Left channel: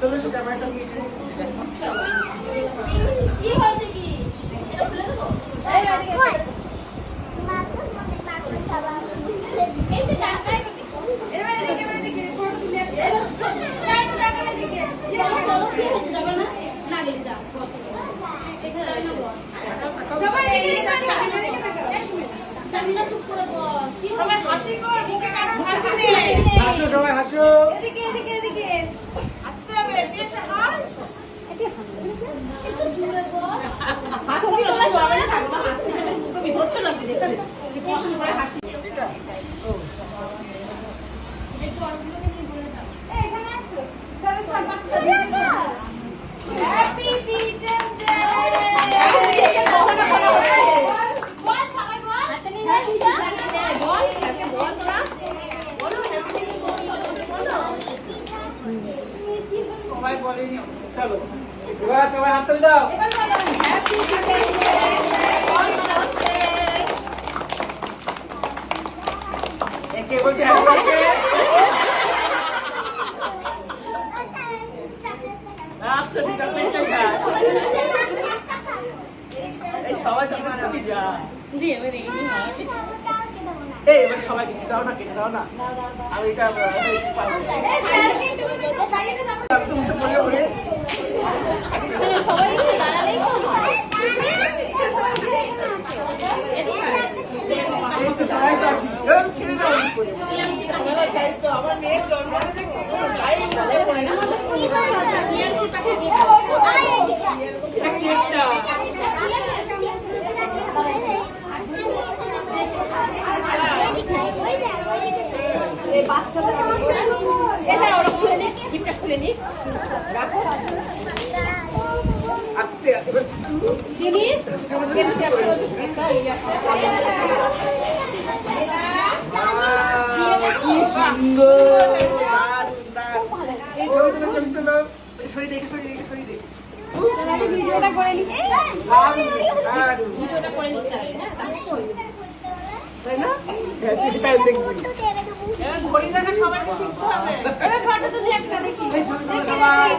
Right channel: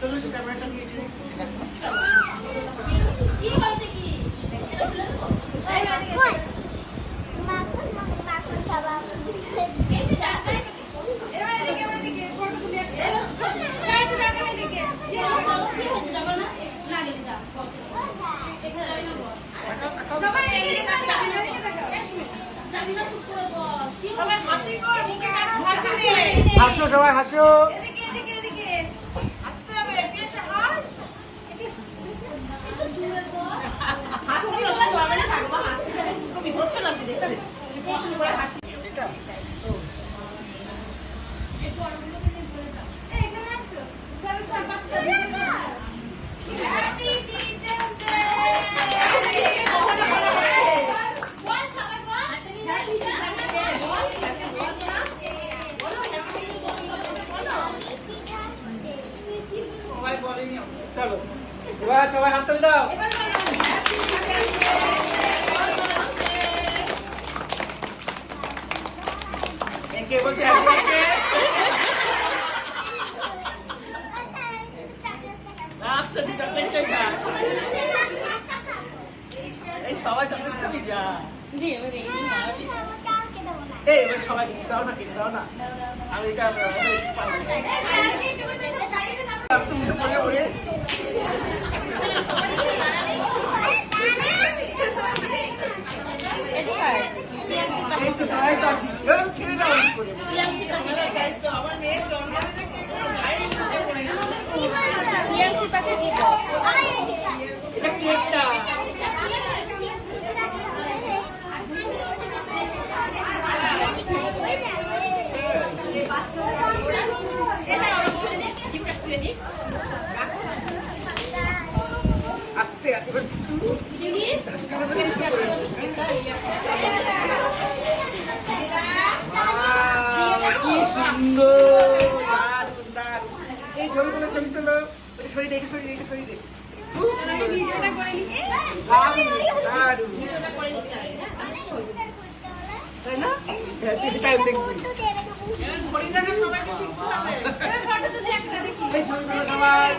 চলো সে ক্যামেরাটা নিয়ে কি হয়েছে কি এটা খুলে দেবো এই মাকুস মনি মাকুস খাবা বেশি জায়গা এবার দেখে ফটো তুলে চারটা জায়গা দেখে যে বলো কি হয়েছে জানো না না গেলে যা এখানে সবাই দেখে জামিনা চুপ করে বস কি সবাই হাসি কর মুখে কারণ হাসি দে হাসো সবাই হাসো এদিকে এদিকে এদিকে আসতে হবে এদিকে হাস একটু জোরে বল হাসি তোমরা জবাবে না থাকবা হাসি তুমি হচ্ছ না কি দেখছ কি পছন্দ করে হাসি এটা ও এই এখানে আসো স্যার স্যার পাশে হ্যাপি টিচার্স ডে কখনো বলা হচ্ছে বল সবাই বল হাতে নিয়ে হ্যাপি টিচার্স ডে বল বল বলো হ্যাপি বলো সবাই বলেনি চলো এবার সবাই হাত তুলে দাও এবার বলো হ্যাপি টিচার্স ডে একে বলছে হ্যাপি বার্থডে আচ্ছা দি চকলেটটা খা এই সবাই চকলেট খাবি যা এই এবার সবাই দাও না কেটে দাও না আমি এটা পাবো তুমি তো বলে ওরে এই তো তাই তো আছি ছেড়ে দাও করে আমার মেয়ের জন্মদিনে এটা কেকটা আস্তে এবার কি সুন্দর দারুণ দারুণ এই ছবি তোলো সরি দেখে খুব সুন্দর দারুণ তাই না টাইম দেখছি ঘড়িটা সবাই শিখতে হবে এবার ফটো তুলি একটা দেখি এই ছবি তোলো সবাই